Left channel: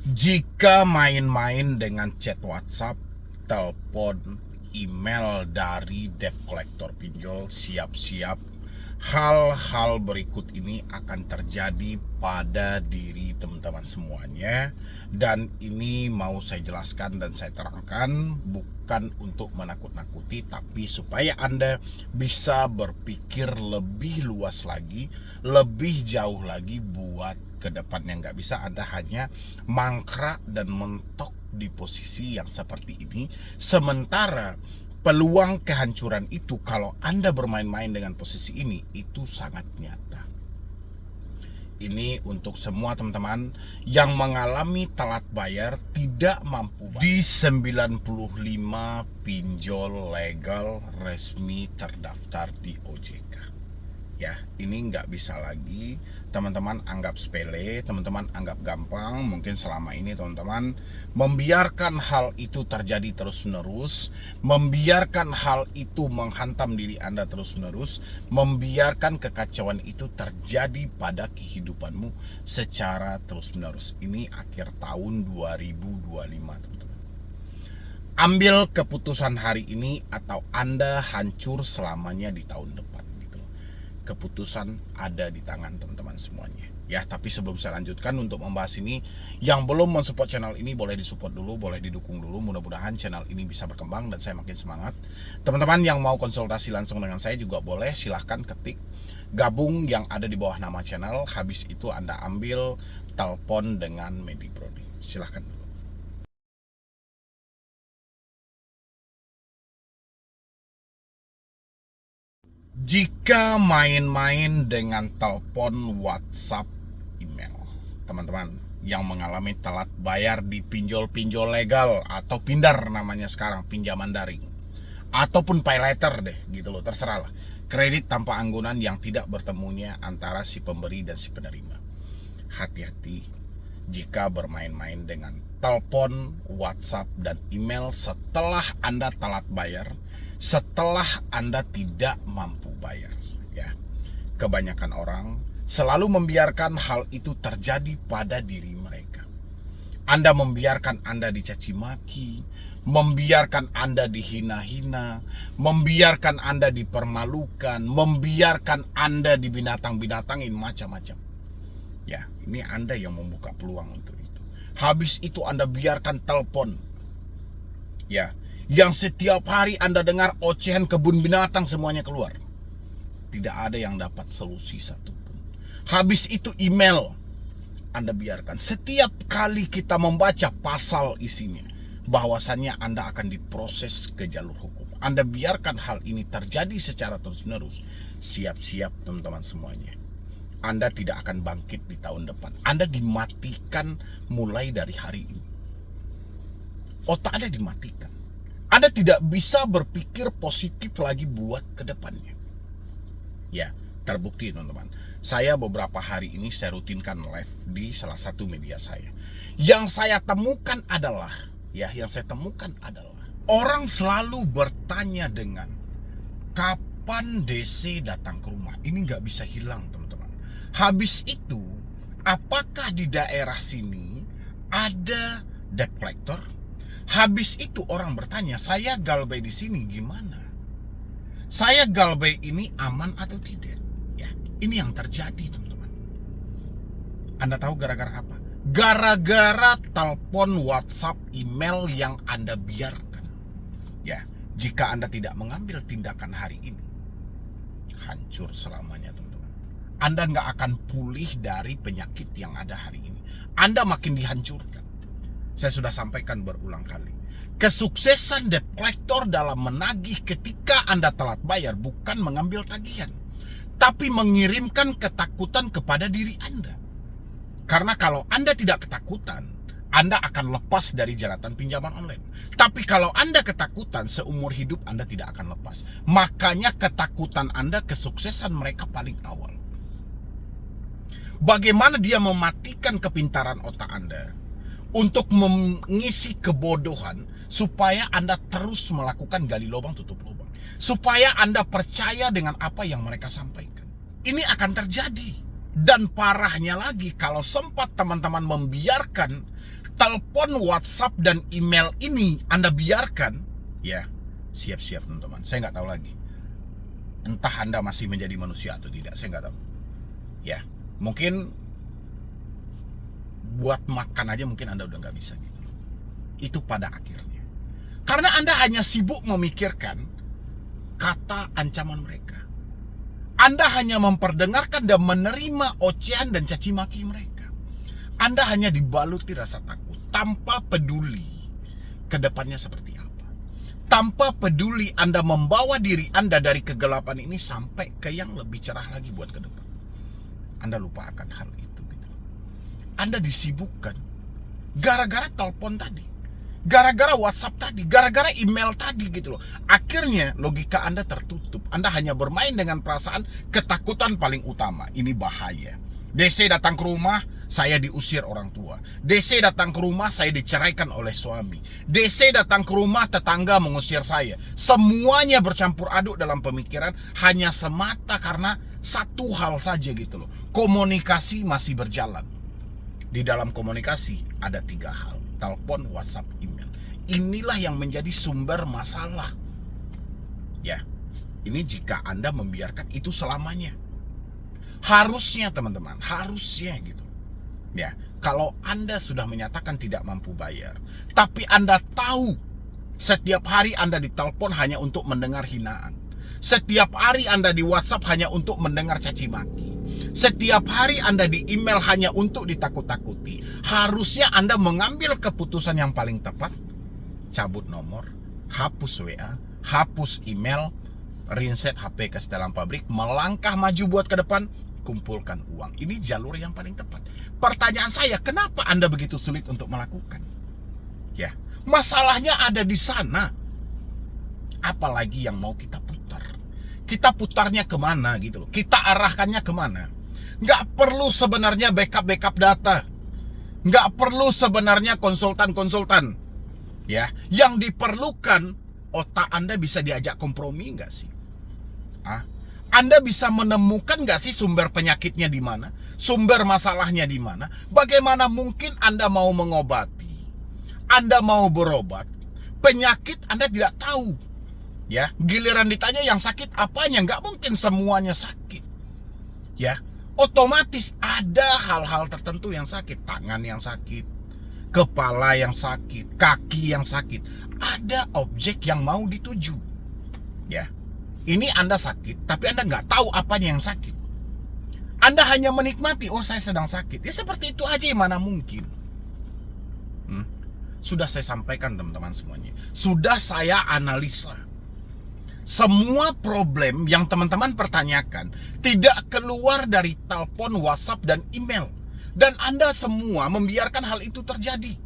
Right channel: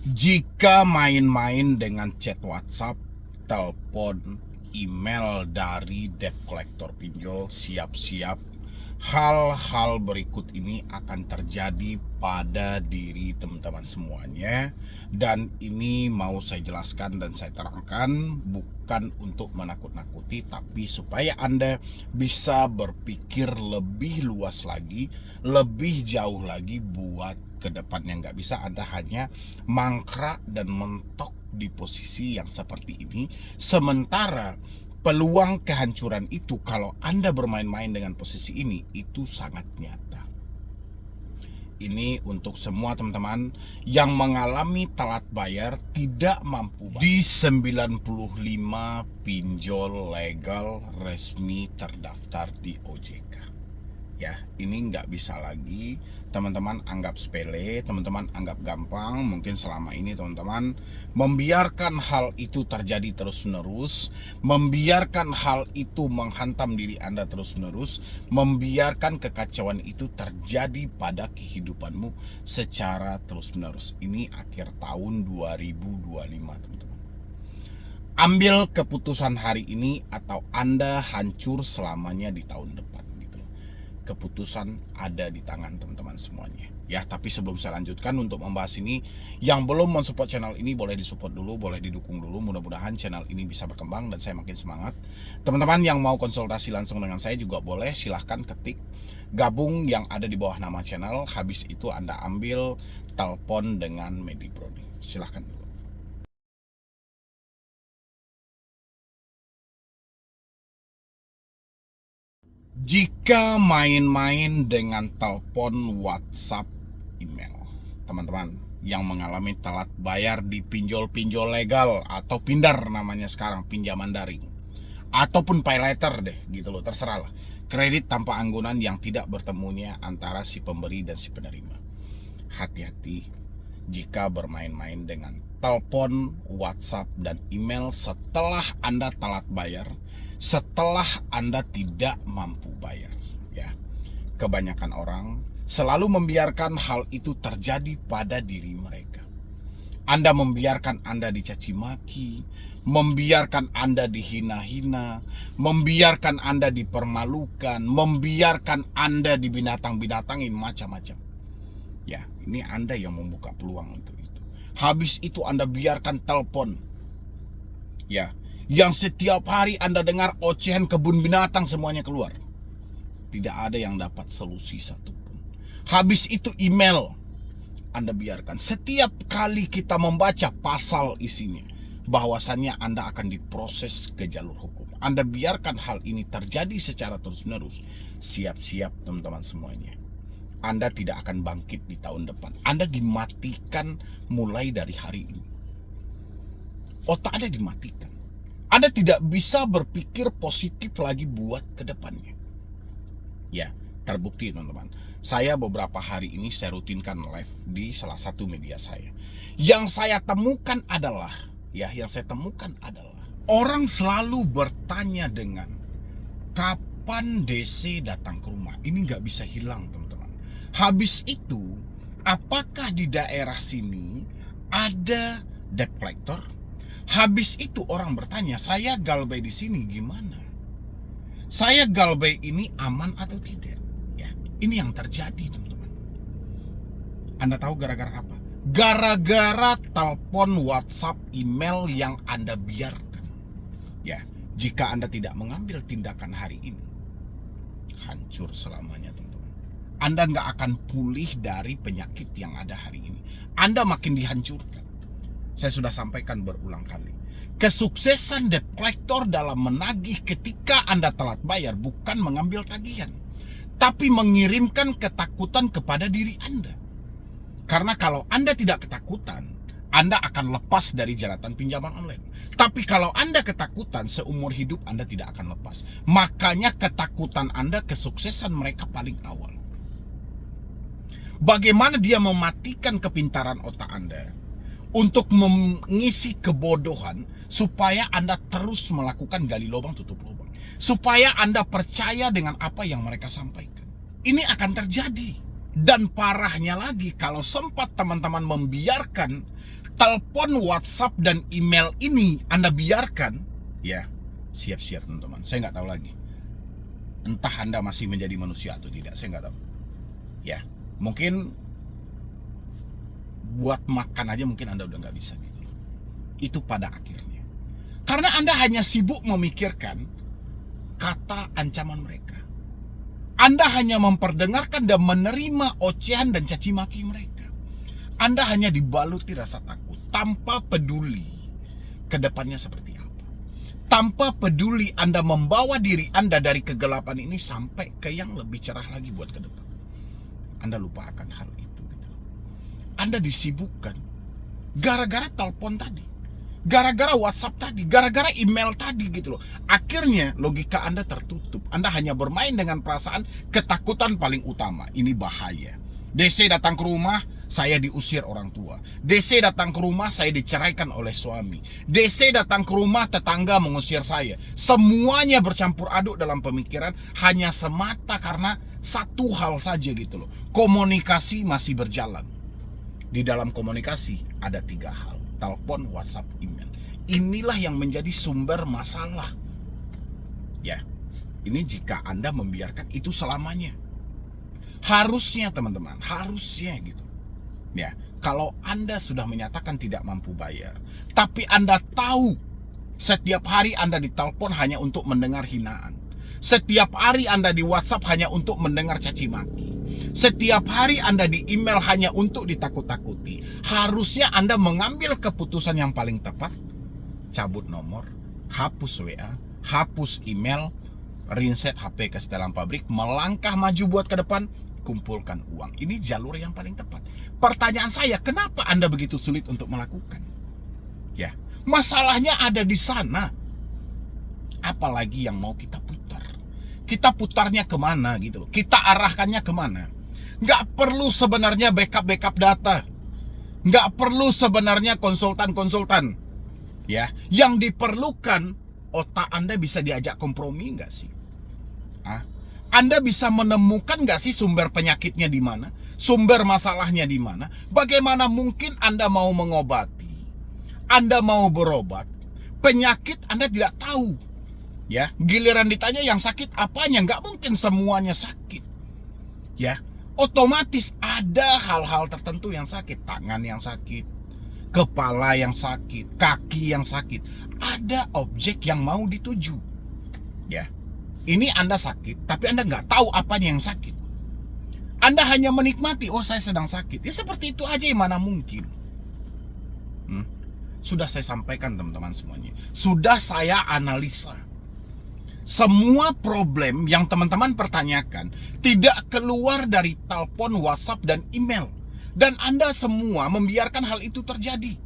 Jika main-main dengan chat WhatsApp, telepon, email dari debt collector pinjol, siap-siap hal-hal berikut ini akan terjadi pada diri teman-teman semuanya. Dan ini mau saya jelaskan dan saya terangkan bukan untuk menakut-nakuti, tapi supaya Anda bisa berpikir lebih luas lagi, lebih jauh lagi buat ke depannya. Nggak bisa Anda hanya mangkrak dan mentok di posisi yang seperti ini, sementara peluang kehancuran itu kalau Anda bermain-main dengan posisi ini itu sangat nyata. Ini untuk semua teman-teman yang mengalami telat bayar, tidak mampu bayar. Di 95 pinjol legal resmi terdaftar di OJK. Ya, ini nggak bisa lagi teman-teman anggap sepele, teman-teman anggap gampang. Mungkin selama ini teman-teman membiarkan hal itu terjadi terus-menerus, membiarkan hal itu menghantam diri Anda terus-menerus, membiarkan kekacauan itu terjadi pada kehidupanmu secara terus-menerus. Ini akhir tahun 2025 teman-teman. Ambil keputusan hari ini atau Anda hancur selamanya di tahun depan. Keputusan ada di tangan teman-teman semuanya ya. Tapi sebelum saya lanjutkan untuk membahas ini, yang belum mensupport channel ini boleh disupport dulu, boleh didukung dulu. Mudah-mudahan channel ini bisa berkembang dan saya makin semangat. Teman-teman yang mau konsultasi langsung dengan saya juga boleh, silahkan ketik gabung yang ada di bawah nama channel. Habis itu Anda ambil telepon dengan MediPro. Silahkan. Jika main-main dengan telepon, WhatsApp, email, teman-teman yang mengalami telat bayar di pinjol-pinjol legal atau pindar namanya sekarang, pinjaman daring, ataupun pay later deh gitu loh, terserah lah. Kredit tanpa anggunan yang tidak bertemunya antara si pemberi dan si penerima. Hati-hati jika bermain-main dengan telepon, WhatsApp, dan email setelah Anda telat bayar, setelah Anda tidak mampu bayar ya. Kebanyakan orang selalu membiarkan hal itu terjadi pada diri mereka. Anda membiarkan Anda dicaci maki, membiarkan Anda dihina-hina, membiarkan Anda dipermalukan, membiarkan Anda dibinatang-binatangin macam-macam. Ya, ini Anda yang membuka peluang untuk itu. Habis itu Anda biarkan telepon. Ya, yang setiap hari Anda dengar ocehan kebun binatang semuanya keluar. Tidak ada yang dapat solusi satupun. Habis itu email. Anda biarkan. Setiap kali kita membaca pasal isinya, bahwasannya Anda akan diproses ke jalur hukum. Anda biarkan hal ini terjadi secara terus-menerus. Siap-siap teman-teman semuanya. Anda tidak akan bangkit di tahun depan. Anda dimatikan mulai dari hari ini. Otak Anda dimatikan. Anda tidak bisa berpikir positif lagi buat ke depannya. Ya, terbukti teman-teman. Saya beberapa hari ini saya rutinkan live di salah satu media saya. Yang saya temukan adalah orang selalu bertanya dengan kapan DC datang ke rumah. Ini nggak bisa hilang teman-teman. Habis itu, apakah di daerah sini ada debt collector? Habis itu orang bertanya, saya galbay di sini gimana? Saya galbay ini aman atau tidak? Ya, ini yang terjadi teman-teman. Anda tahu gara-gara apa? Gara-gara telepon, WhatsApp, email yang Anda biarkan. Ya, jika Anda tidak mengambil tindakan hari ini, hancur selamanya teman-teman. Anda nggak akan pulih dari penyakit yang ada hari ini. Anda makin dihancurkan. Saya sudah sampaikan berulang kali. Kesuksesan debt collector dalam menagih ketika Anda telat bayar bukan mengambil tagihan, tapi mengirimkan ketakutan kepada diri Anda. Karena kalau Anda tidak ketakutan, Anda akan lepas dari jeratan pinjaman online. Tapi kalau Anda ketakutan, seumur hidup Anda tidak akan lepas. Makanya ketakutan Anda kesuksesan mereka paling awal. Bagaimana dia mematikan kepintaran otak Anda untuk mengisi kebodohan supaya Anda terus melakukan gali lubang tutup lubang, supaya Anda percaya dengan apa yang mereka sampaikan. Ini akan terjadi Dan parahnya lagi, kalau sempat teman-teman membiarkan telepon, WhatsApp, dan email ini Anda biarkan, ya siap-siap teman-teman. Saya nggak tahu lagi, entah Anda masih menjadi manusia atau tidak, saya nggak tahu. Ya, mungkin buat makan aja mungkin Anda udah nggak bisa gitu. Itu pada akhirnya, karena Anda hanya sibuk memikirkan kata ancaman mereka. Anda hanya memperdengarkan dan menerima ocehan dan caci maki mereka. Anda hanya dibaluti rasa takut, tanpa peduli ke depannya seperti apa. Tanpa peduli Anda membawa diri Anda dari kegelapan ini sampai ke yang lebih cerah lagi buat ke depan. Anda lupa akan hal itu. Anda disibukkan gara-gara telepon tadi, gara-gara WhatsApp tadi, gara-gara email tadi gitu loh. Akhirnya logika Anda tertutup. Anda hanya bermain dengan perasaan ketakutan paling utama. Ini bahaya. DC datang ke rumah, saya diusir orang tua. DC datang ke rumah, saya diceraikan oleh suami. DC datang ke rumah, tetangga mengusir saya. Semuanya bercampur aduk dalam pemikiran hanya semata karena satu hal saja gitu loh. Komunikasi masih berjalan. Di dalam komunikasi ada 3 hal: telepon, WhatsApp, email. Inilah yang menjadi sumber masalah. Ya, ini jika Anda membiarkan itu selamanya. Harusnya teman-teman, harusnya gitu. Ya, kalau Anda sudah menyatakan tidak mampu bayar, tapi Anda tahu setiap hari Anda ditelepon hanya untuk mendengar hinaan. Setiap hari Anda di WhatsApp hanya untuk mendengar caci maki. Setiap hari Anda di email hanya untuk ditakut-takuti. Harusnya Anda mengambil keputusan yang paling tepat. Cabut nomor, hapus WA, hapus email, reset HP ke setelan pabrik, melangkah maju buat ke depan, kumpulkan uang. Ini jalur yang paling tepat. Pertanyaan saya, kenapa Anda begitu sulit untuk melakukan? Ya, masalahnya ada di sana. Apalagi yang mau kita putar. Kita putarnya kemana gitu loh. Kita arahkannya kemana. Nggak perlu sebenarnya backup data. Nggak perlu sebenarnya konsultan. Ya, yang diperlukan otak Anda bisa diajak kompromi nggak sih? Anda bisa menemukan nggak sih sumber penyakitnya di mana? Sumber masalahnya di mana? Bagaimana mungkin Anda mau mengobati? Anda mau berobat? Penyakit Anda tidak tahu. Ya, giliran ditanya yang sakit apanya, nggak mungkin semuanya sakit. Ya, otomatis ada hal-hal tertentu yang sakit, tangan yang sakit, kepala yang sakit, kaki yang sakit. Ada objek yang mau dituju. Ya, ini Anda sakit, tapi Anda nggak tahu apanya yang sakit. Anda hanya menikmati, oh saya sedang sakit. Ya seperti itu aja, mana mungkin. Sudah saya sampaikan teman-teman semuanya. Sudah saya analisa. Semua problem yang teman-teman pertanyakan tidak keluar dari telepon, WhatsApp, dan email. Dan Anda semua membiarkan hal itu terjadi.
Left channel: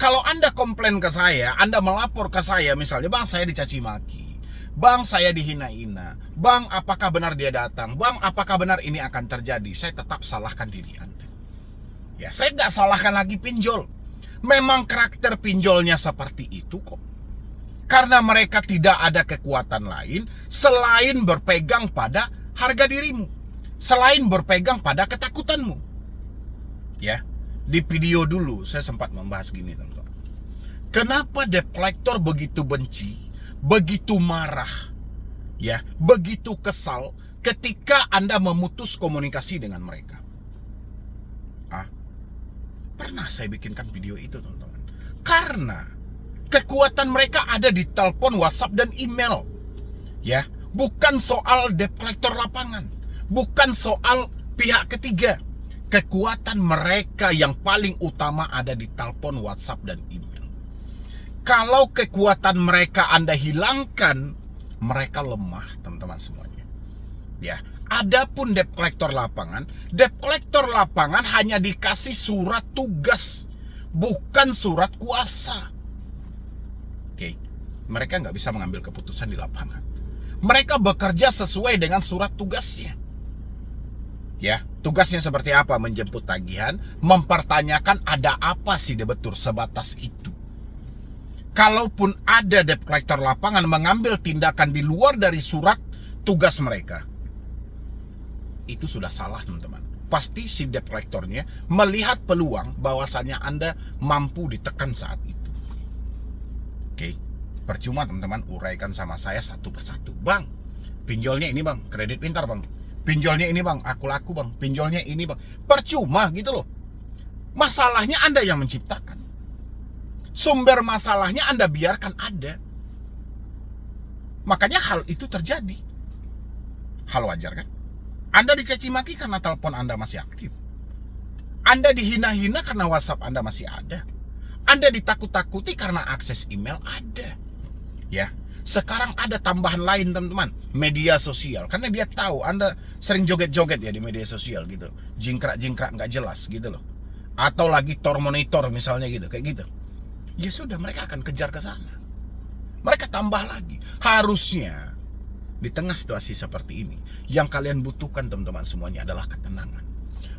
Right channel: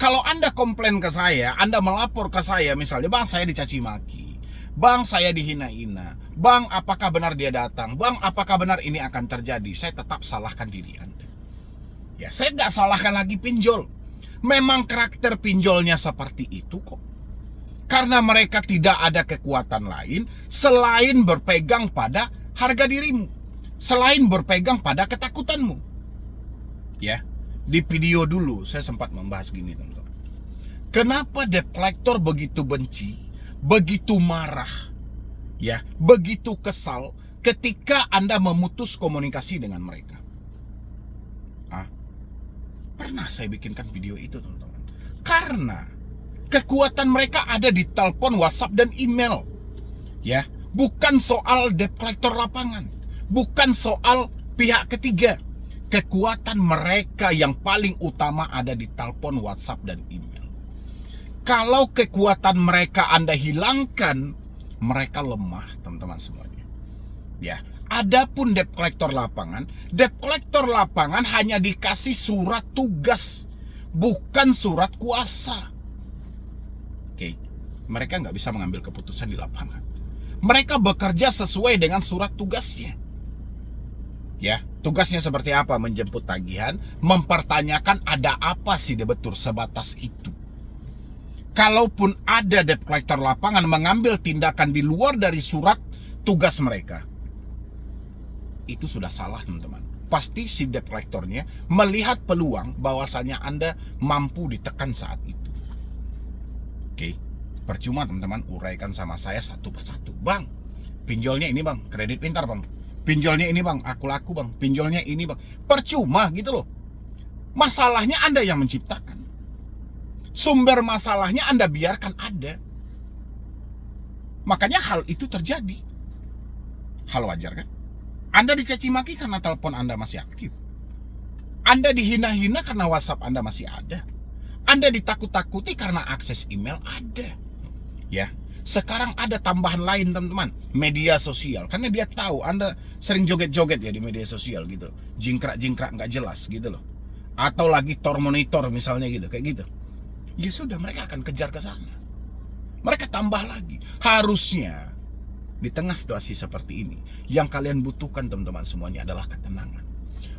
Kalau Anda komplain ke saya, Anda melapor ke saya, misalnya, Bang saya dicaci maki, Bang saya dihina-hina, Bang apakah benar dia datang, Bang apakah benar ini akan terjadi, saya tetap salahkan diri Anda. Ya, saya nggak salahkan lagi pinjol. Memang karakter pinjolnya seperti itu kok. Karena mereka tidak ada kekuatan lain selain berpegang pada harga dirimu, selain berpegang pada ketakutanmu. Ya, di video dulu saya sempat membahas gini teman-teman. Kenapa debt collector begitu benci, begitu marah, ya, begitu kesal ketika Anda memutus komunikasi dengan mereka? Pernah saya bikinkan video itu teman-teman. Karena kekuatan mereka ada di telepon, WhatsApp, dan email. Ya, bukan soal debt collector lapangan, bukan soal pihak ketiga. Kekuatan mereka yang paling utama ada di telepon, WhatsApp, dan email. Kalau kekuatan mereka Anda hilangkan, mereka lemah teman-teman semuanya. Ya, adapun debt collector lapangan hanya dikasih surat tugas, bukan surat kuasa. Oke, mereka nggak bisa mengambil keputusan di lapangan. Mereka bekerja sesuai dengan surat tugasnya. Ya, tugasnya seperti apa? Menjemput tagihan, mempertanyakan ada apa sih debetur, sebatas itu. Kalaupun ada debt collector lapangan mengambil tindakan di luar dari surat tugas mereka, itu sudah salah teman-teman. pasti si debt collectornya melihat peluang bahwasannya Anda mampu ditekan saat itu. Oke, percuma teman-teman uraikan sama saya satu persatu. Bang, pinjolnya ini bang, kredit pintar bang. Pinjolnya ini bang, aku laku bang. Pinjolnya ini bang. Percuma gitu loh. Masalahnya Anda yang menciptakan. Sumber masalahnya Anda biarkan ada. Makanya hal itu terjadi. Hal wajar kan? Anda dicaci maki karena telepon Anda masih aktif. Anda dihina-hina karena WhatsApp Anda masih ada. Anda ditakut-takuti karena akses email ada. Ya, sekarang ada tambahan lain teman-teman, media sosial. Karena dia tahu Anda sering joget-joget ya di media sosial gitu. Jingkrak-jingkrak nggak jelas gitu loh. Atau lagi monitor misalnya gitu, kayak gitu. Ya sudah, mereka akan kejar ke sana. Mereka tambah lagi. Harusnya di tengah situasi seperti ini, yang kalian butuhkan teman-teman semuanya adalah ketenangan.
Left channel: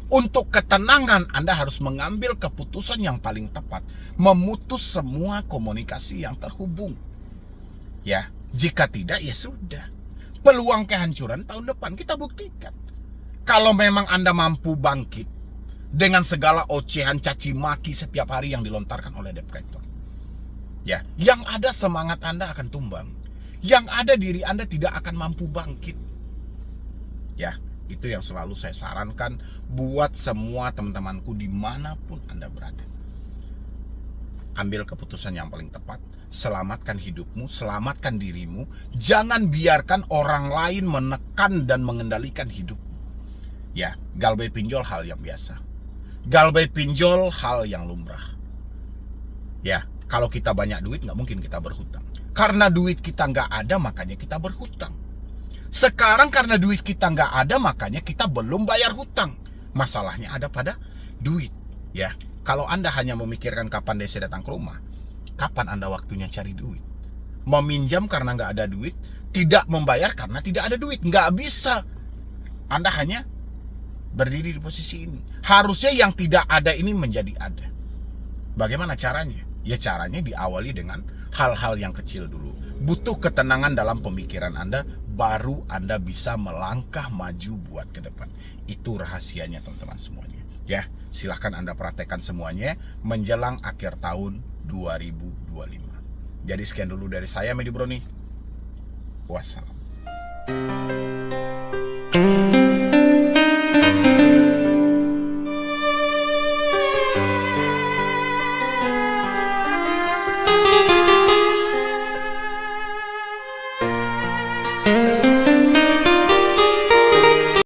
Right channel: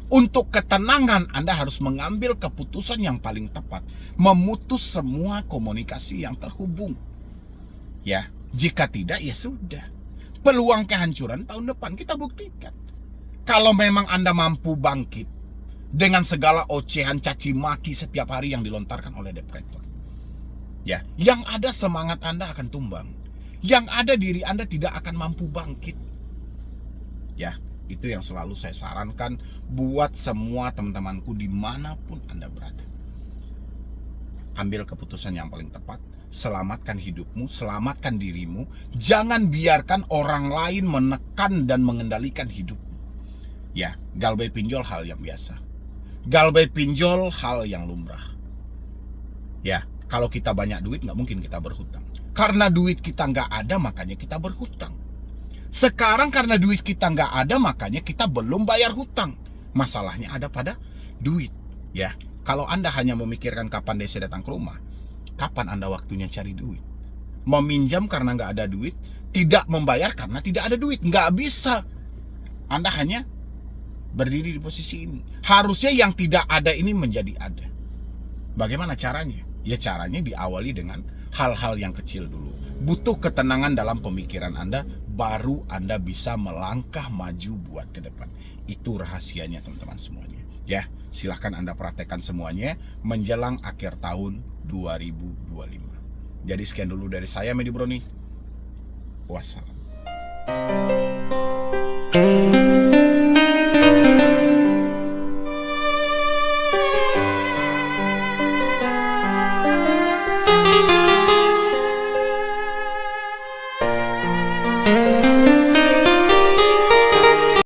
Untuk ketenangan Anda harus mengambil keputusan yang paling tepat, memutus semua komunikasi yang terhubung. Ya, jika tidak ya sudah. Peluang kehancuran tahun depan kita buktikan. Kalau memang Anda mampu bangkit dengan segala ocehan caci maki setiap hari yang dilontarkan oleh debt collector. Ya, yang ada semangat Anda akan tumbang. Yang ada diri Anda tidak akan mampu bangkit. Ya, itu yang selalu saya sarankan buat semua teman-temanku dimanapun Anda berada. Ambil keputusan yang paling tepat, selamatkan hidupmu, selamatkan dirimu. Jangan biarkan orang lain menekan dan mengendalikan hidupmu. Ya, galbay pinjol hal yang biasa. Galbay pinjol hal yang lumrah. Ya, kalau kita banyak duit nggak mungkin kita berhutang. Karena duit kita nggak ada makanya kita berhutang. Sekarang karena duit kita nggak ada makanya kita belum bayar hutang. Masalahnya ada pada duit. Ya, kalau Anda hanya memikirkan kapan DC datang ke rumah, kapan Anda waktunya cari duit? Meminjam karena nggak ada duit, tidak membayar karena tidak ada duit, nggak bisa. Anda hanya berdiri di posisi ini. Harusnya yang tidak ada ini menjadi ada. Bagaimana caranya? Ya caranya diawali dengan hal-hal yang kecil dulu. Butuh ketenangan dalam pemikiran Anda, baru Anda bisa melangkah maju buat ke depan. Itu rahasianya teman-teman semuanya. Ya, silahkan Anda praktekkan semuanya menjelang akhir tahun 2025. Jadi sekian dulu dari saya, Medi Broni. Wassalam.